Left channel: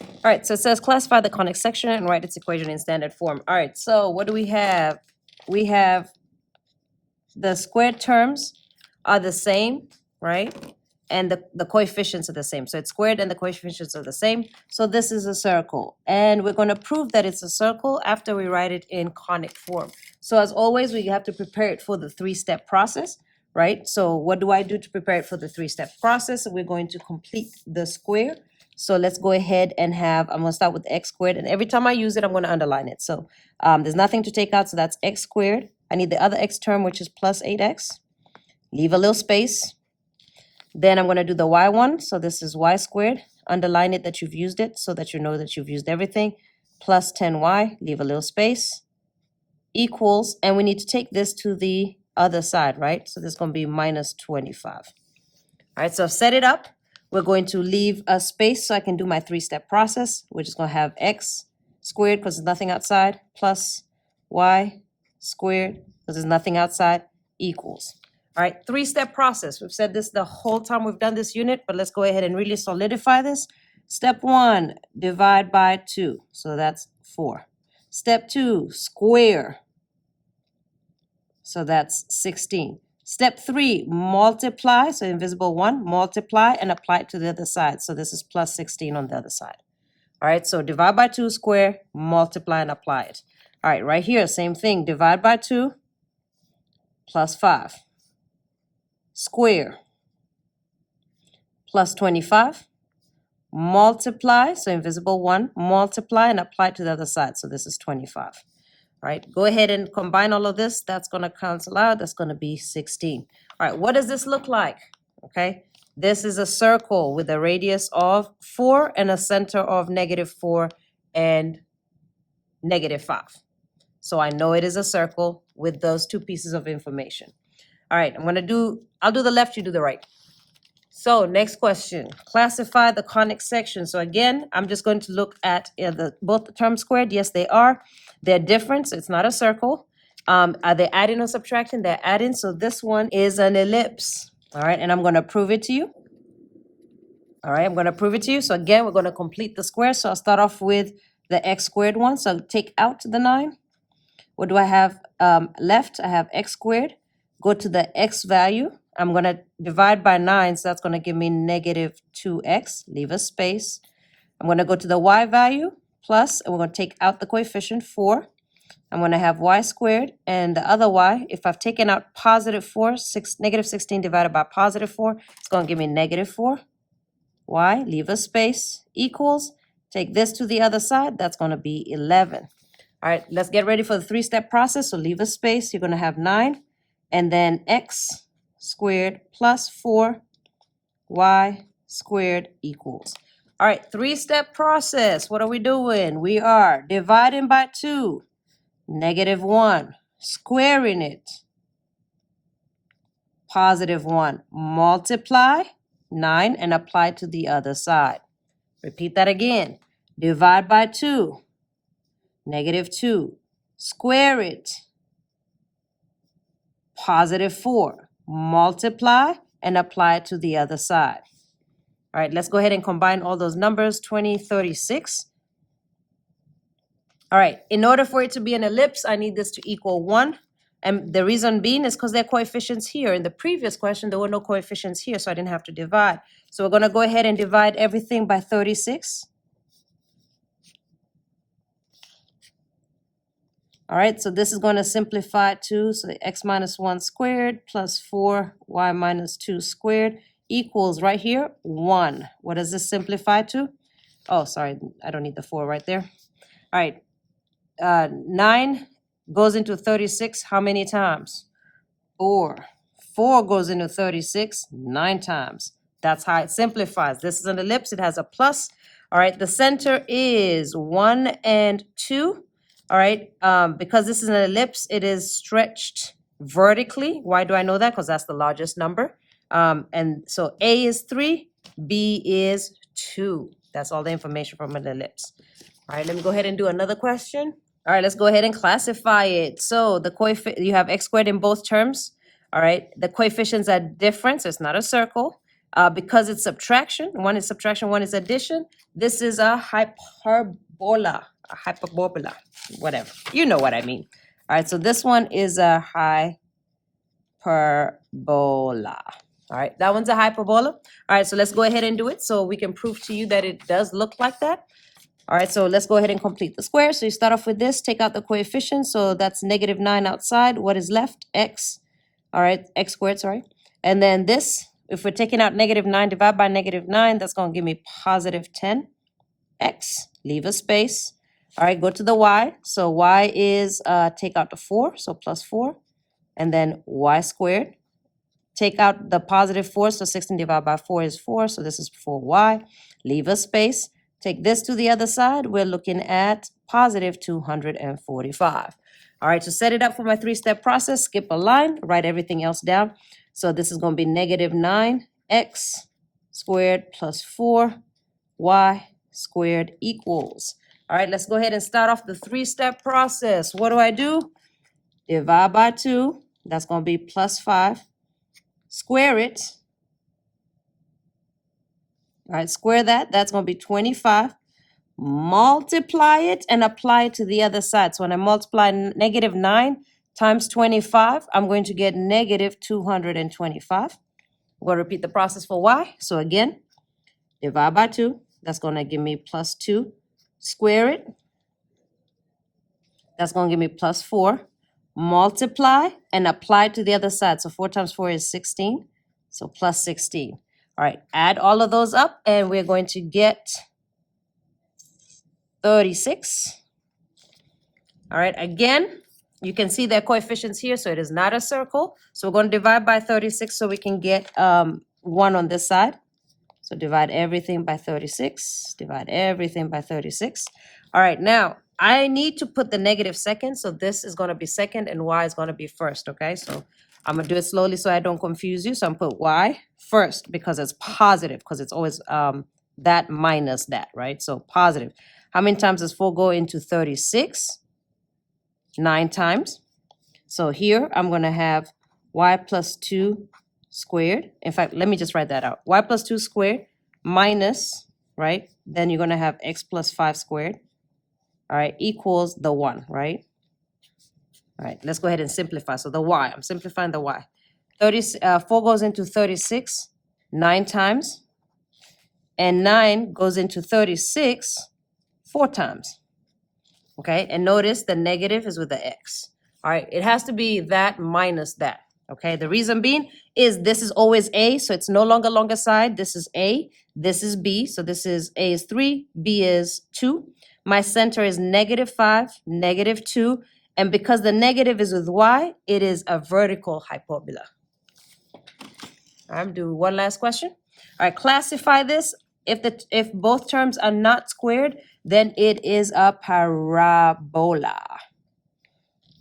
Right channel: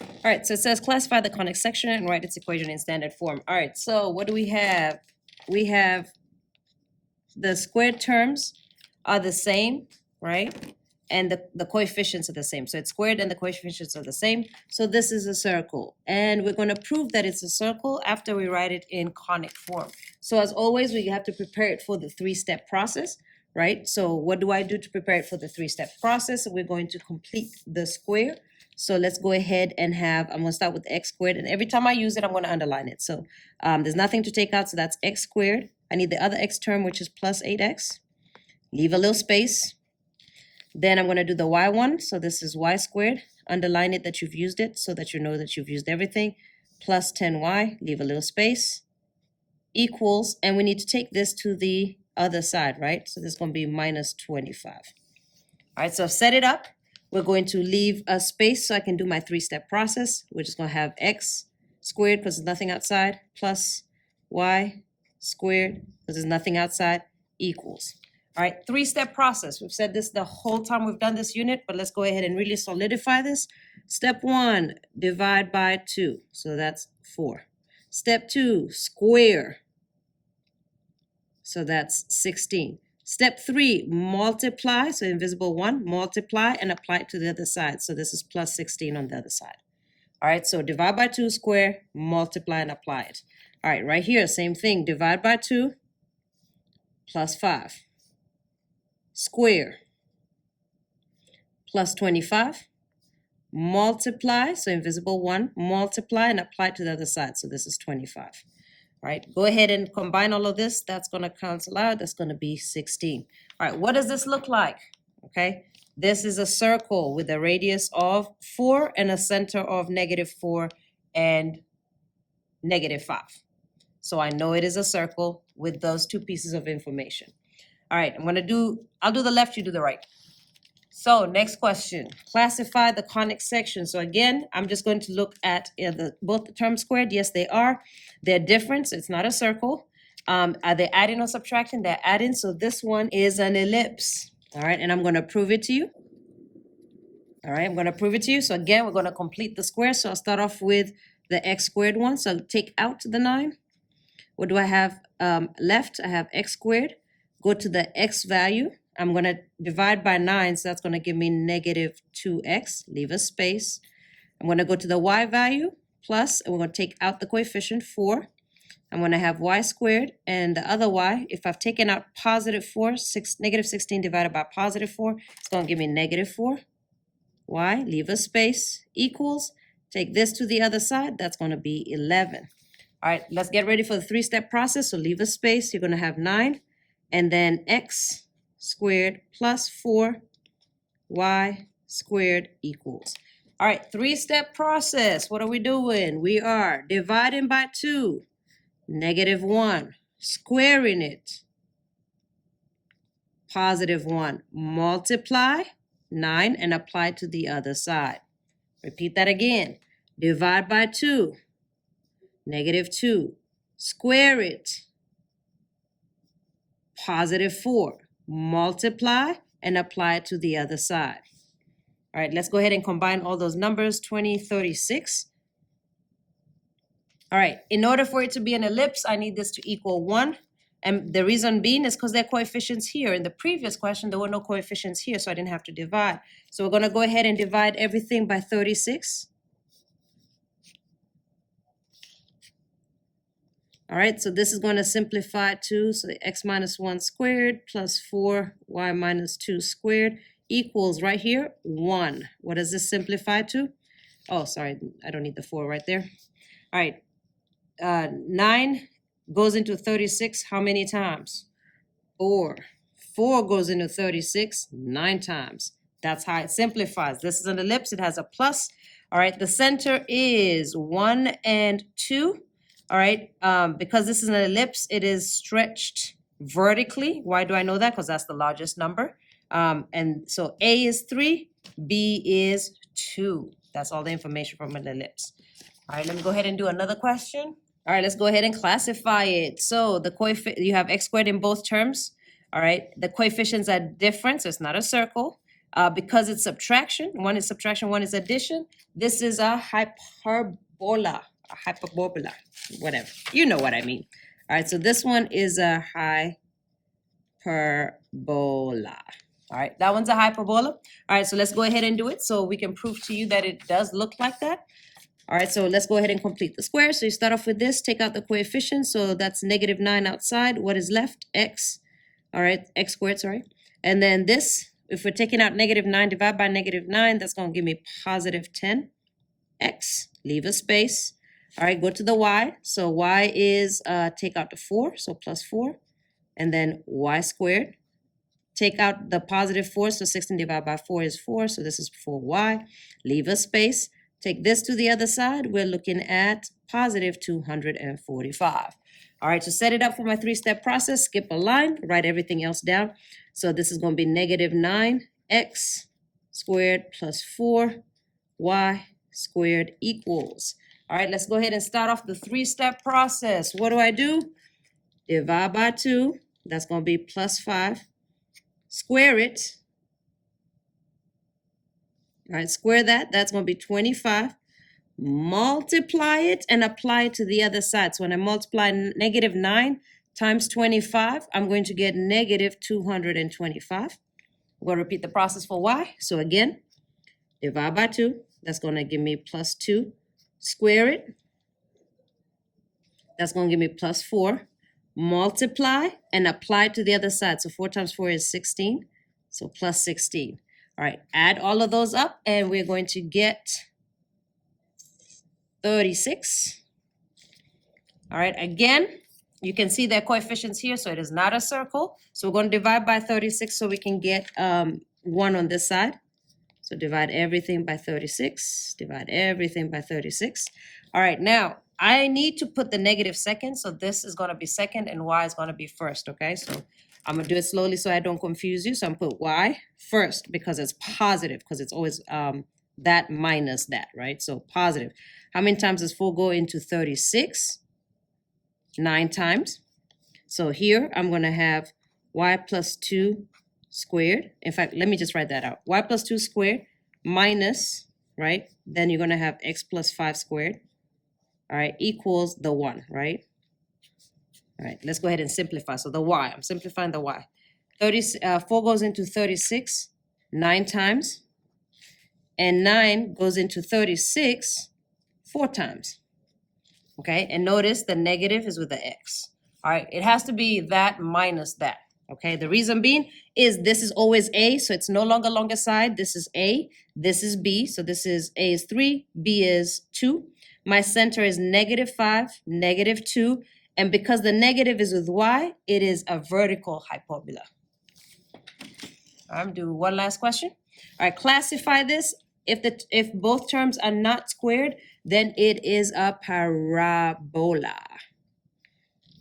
All right, so it says classify the conic section and write its equation in standard form. All right, so what do we have? We have the squared terms are the same, right? And the coefficients are the same. So it's squared and the coefficients are the same. So this is a circle. And we're going to prove that it's a circle after we write it in conic form. So as always, we have to prepare it for the three-step process, right? So what do I do to prepare it for the three-step process? We're going to complete the square. So let's go ahead and I'm going to start with x squared. And every time I use it, I'm going to underline it. So there's nothing to take out. So that's x squared. I need the other x term, which is plus 8x. Leave a little space. Then I'm going to do the y one. So this is y squared. Underline it that you've used it so that you know that you've used everything. Plus 10y. Leave a little space. Equals. And we need to take this to the other side, right? So this is going to be minus 25. All right, so set it up. We're going to leave a space so I can do my three-step process. We're just going to have x squared because there's nothing outside. Plus y squared because there's nothing outside. Equals. All right, three-step process. We've said this the whole time we've done this unit, but let's go ahead and really solidify this. Step 1, divide by 2. So that's 4. Step 2, square. So that's 16. Step 3, multiply. So invisible 1, multiply and apply it to the other side. So this is plus 16 on the other side. All right, so divide by 2, square, multiply and apply it. All right, right here, same thing. Divide by 2, plus 5. Square, plus 25. Multiply, so invisible 1, multiply and apply it to the other side. So this is 25. All right, go ahead and combine all of this. That's going to cancel out. That's going to be 16. All right, what does this look like? Okay, this is a circle with a radius of 4 and a center of -4 and -5. So I know it is a circle with those two pieces of information. All right, I'll do the left, you do the right. So next question, classify the conic section. So again, I'm just going to look at both the terms squared. Yes, they are. They're different, so it's not a circle. Are they adding or subtracting? They're adding, so this one is an ellipse. All right, and I'm going to prove it to you. All right, I'm going to prove it to you. So again, we're going to complete the square. So I'll start off with the x squared one. So take out the 9. What do I have left? I have x squared. Go to the x value. I'm going to divide by 9, so that's going to give me -2x. Leave a space. I'm going to go to the y value, plus, and we're going to take out the coefficient 4. I'm going to have y squared, and the other y, if I've taken out +4, -16 divided by +4, it's going to give me -4. Y, leave a space, equals, take this to the other side, that's going to be 11. All right, let's get ready for the three-step process. So leave a space, you're going to have 9, and then x squared plus 4y squared equals. All right, three-step process. What are we doing? We are dividing by 2, -1, squaring it, +1, multiply 9 and apply to the other side. Repeat that again. Divide by 2, -2, square it, +4, multiply and apply it to the other side. All right, let's go ahead and combine all those numbers, 20, 36. All right, in order for it to be an ellipse, I need this to equal 1. And the reason being is because there are coefficients here. In the previous question, there were no coefficients here, so I didn't have to divide. So we're going to go ahead and divide everything by 36. All right, so this is going to simplify to, so x minus 1 squared plus 4y minus 2 squared equals right here 1. What does this simplify to? Oh, sorry, I don't need the 4 right there. All right, 9 goes into 36 how many times? 4. 4 goes into 36 9 times. That's how it simplifies. This is an ellipse. It has a plus. All right, the center is 1 and 2. All right, because this is an ellipse, it is stretched vertically. Why do I know that? Because that's the largest number. And so A is 3, B is 2. That's all the information from an ellipse. All right, let me go ahead and do another question. All right, let's go ahead and classify it. So the you have x squared in both terms. All right, the coefficients are different, so it's not a circle. Because it's subtraction, one is subtraction, one is addition, this is a hyperbola, whatever. You know what I mean. All right, so this one is a hyperbola. All right, that one's a hyperbola. All right, so let's go ahead and do it so we can prove to you that it does look like that. All right, so let's go ahead and complete the square. So you start off with this, take out the coefficient. So that's -9 outside. What is left? X. All right, x squared, sorry. And then this, if we're taking out -9, divide by -9, that's going to give me +10x. Leave a space. All right, go to the y. So y is, take out the 4, so +4. And then y squared. Take out the +4, so 16 divided by 4 is 4, so this is 4y. Leave a space. Take this to the other side, we're looking at +245. All right, to set it up for my 3-step process, skip a line, write everything else down. So this is going to be -9x squared plus 4y squared equals. All right, let's go ahead and start off the 3-step process. What do? Divide by 2, that's going to be +5. Square it. All right, square that. That's going to be 25. Multiply it and apply it to the other side. So when I multiply -9 times 25, I'm going to get -225. I'm going to repeat the process for y. So again, divide by 2. That's going to give me +2. Square it. That's going to give me +4. Multiply and apply to the other side. So 4 times 4 is 16. So +16. All right, add all of those up and we're going to get 36. All right, again, you can see their coefficients here, so it is not a circle. So we're going to divide by 36 so we can get 1 on this side. So divide everything by 36. Divide everything by 36. All right, now I need to put the negative second. So this is going to be second and y is going to be first, okay? So I'm going to do it slowly so I don't confuse you. So I'm going to put y first because it's positive, because it's always that minus that, right? So positive. How many times does 4 go into 36? 9 times. So here I'm going to have y plus 2 squared. In fact, let me just write that out. Y plus 2 squared minus, right? Then you're going to have x plus 5 squared, all right, equals the 1, right? All right, let's go ahead and simplify. So the y, I'm simplifying the y. 4 goes into 36 9 times, and 9 goes into 36 4 times. Okay, and notice the negative is with the x. All right, it has to be that minus that. Okay, the reason being is this is always a, so it's no longer longer side. This is a, this is b, so this is a is 3, b is 2. My center is -5, -2, and because the negative is with y, it is a vertical hyperbola. I'm doing one last question. All right, classify this. If both terms are not squared, then it is a parabola.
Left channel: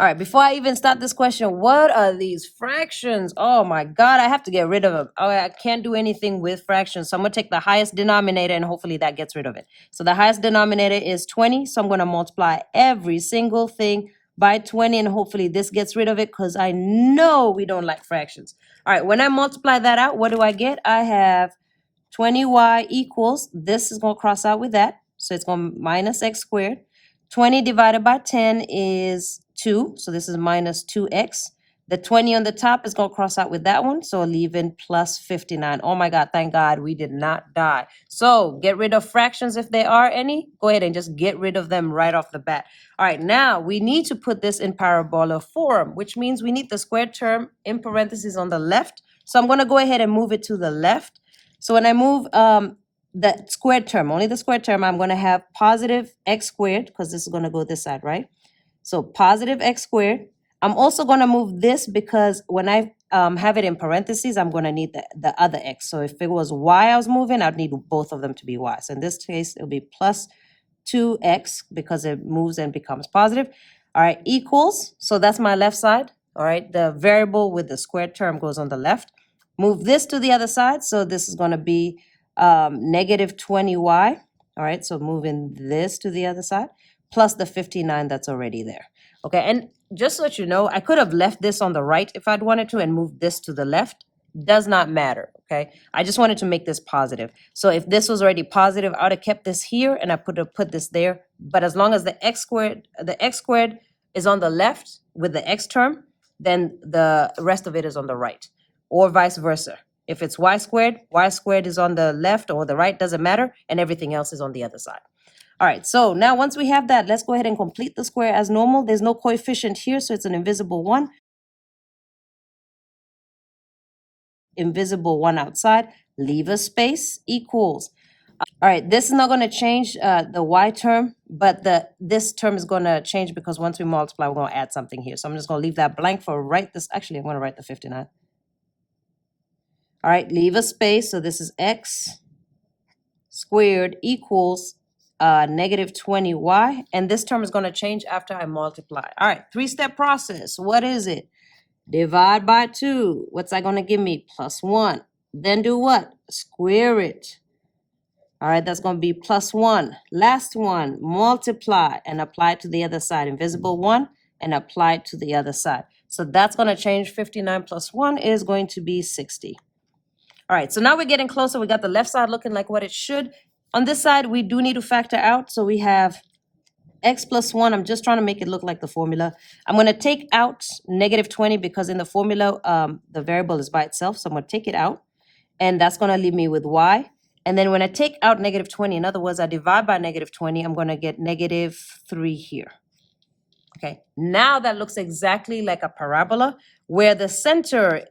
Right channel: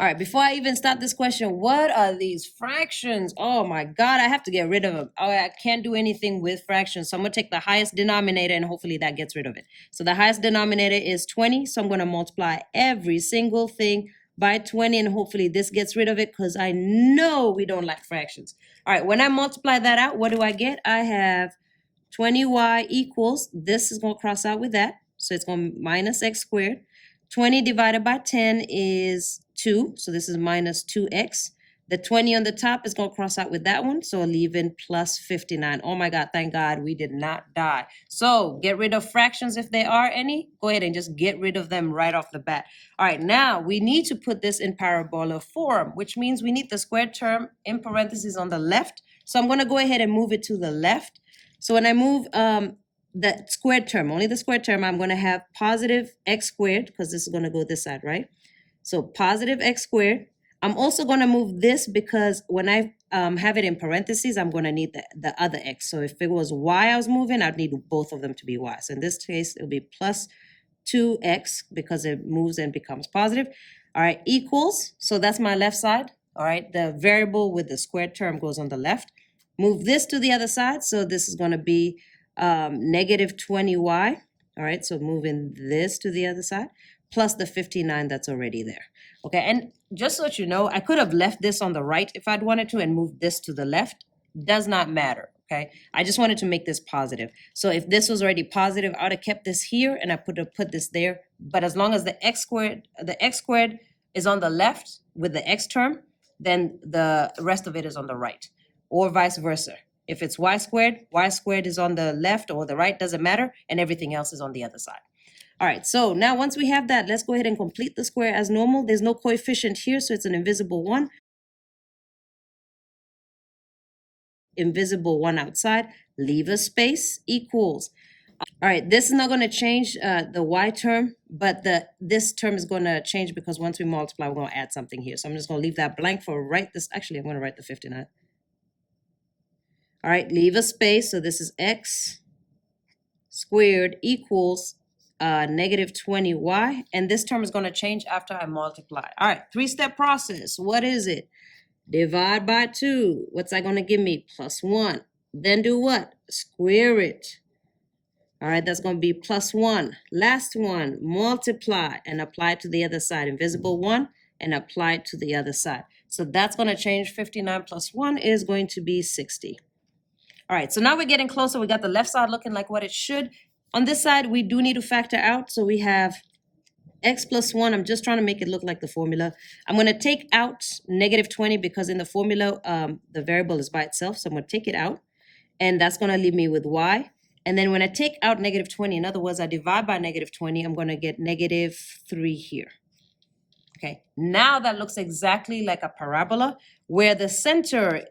All right, before I even start this question, what are these fractions? Oh my God, I have to get rid of them. Oh, I can't do anything with fractions. So I'm gonna take the highest denominator and hopefully that gets rid of it. So the highest denominator is 20. So I'm gonna multiply every single thing by 20 and hopefully this gets rid of it because I know we don't like fractions. All right, when I multiply that out, what do I get? I have 20y equals, this is gonna cross out with that. So it's going to minus x squared. 20 divided by 10 is 2. So this is minus 2x. The 20 on the top is going to cross out with that one. So leave in plus 59. Oh my God, thank God we did not die. So get rid of fractions if there are any. Go ahead and just get rid of them right off the bat. All right, now we need to put this in parabola form, which means we need the squared term in parentheses on the left. So I'm going to go ahead and move it to the left. So when I move the squared term, only the squared term, I'm going to have positive x squared, because this is going to go this side, right? So positive x squared. I'm also going to move this because when I have it in parentheses, I'm going to need the other x. So if it was y I was moving, I'd need both of them to be y. So in this case, it'll be plus 2x because it moves and becomes positive. All right, equals. So that's my left side. All right, the variable with the squared term goes on the left. Move this to the other side. So this is going to be negative 20y. All right, so moving this to the other side, plus the 59 that's already there. Okay, and just so that you know, I could have left this on the right if I'd wanted to and moved this to the left. Does not matter, okay? I just wanted to make this positive. So if this was already positive, I would have kept this here and I put this there. But as long as the x squared is on the left with the x term, then the rest of it is on the right, or vice versa. If it's y squared is on the left or the right, doesn't matter, and everything else is on the other side. All right, so now once we have that, let's go ahead and complete the square as normal. There's no coefficient here, so it's an invisible one. Invisible one outside, leave a space, equals. All right, this is not going to change the y term, but this term is going to change because once we multiply, we're going to add something here. So I'm just going to leave that blank for write this. Actually, I'm going to write the 59. All right, leave a space. So this is x squared equals negative 20y. And this term is going to change after I multiply. All right, three-step process. What is it? Divide by 2. What's that going to give me? Plus 1. Then do what? Square it. All right, that's going to be plus 1. Last one, multiply and apply to the other side. Invisible 1 and apply to the other side. So that's going to change. 59 plus 1 is going to be 60. All right, so now we're getting closer. We got the left side looking like what it should. On this side, we do need to factor out. So we have x plus 1. I'm just trying to make it look like the formula. I'm going to take out negative 20 because in the formula, the variable is by itself. So I'm going to take it out. And that's going to leave me with y. And then when I take out negative 20, in other words, I divide by negative 20, I'm going to get negative 3 here. Okay, now that looks exactly like a parabola where the center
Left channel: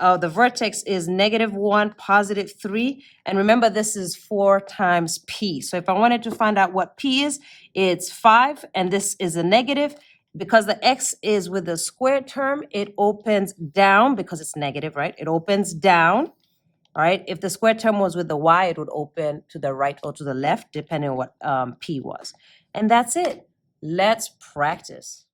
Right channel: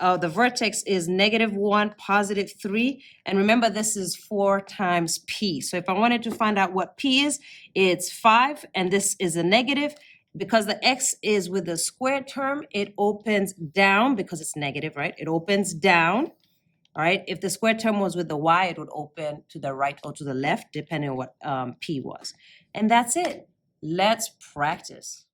of the vertex is negative 1, positive 3. And remember, this is 4 times p. So if I wanted to find out what p is, it's 5, and this is a negative. Because the x is with the square term, it opens down because it's negative, right? It opens down. All right, if the square term was with the y, it would open to the right or to the left, depending on what p was. And that's it. Let's practice.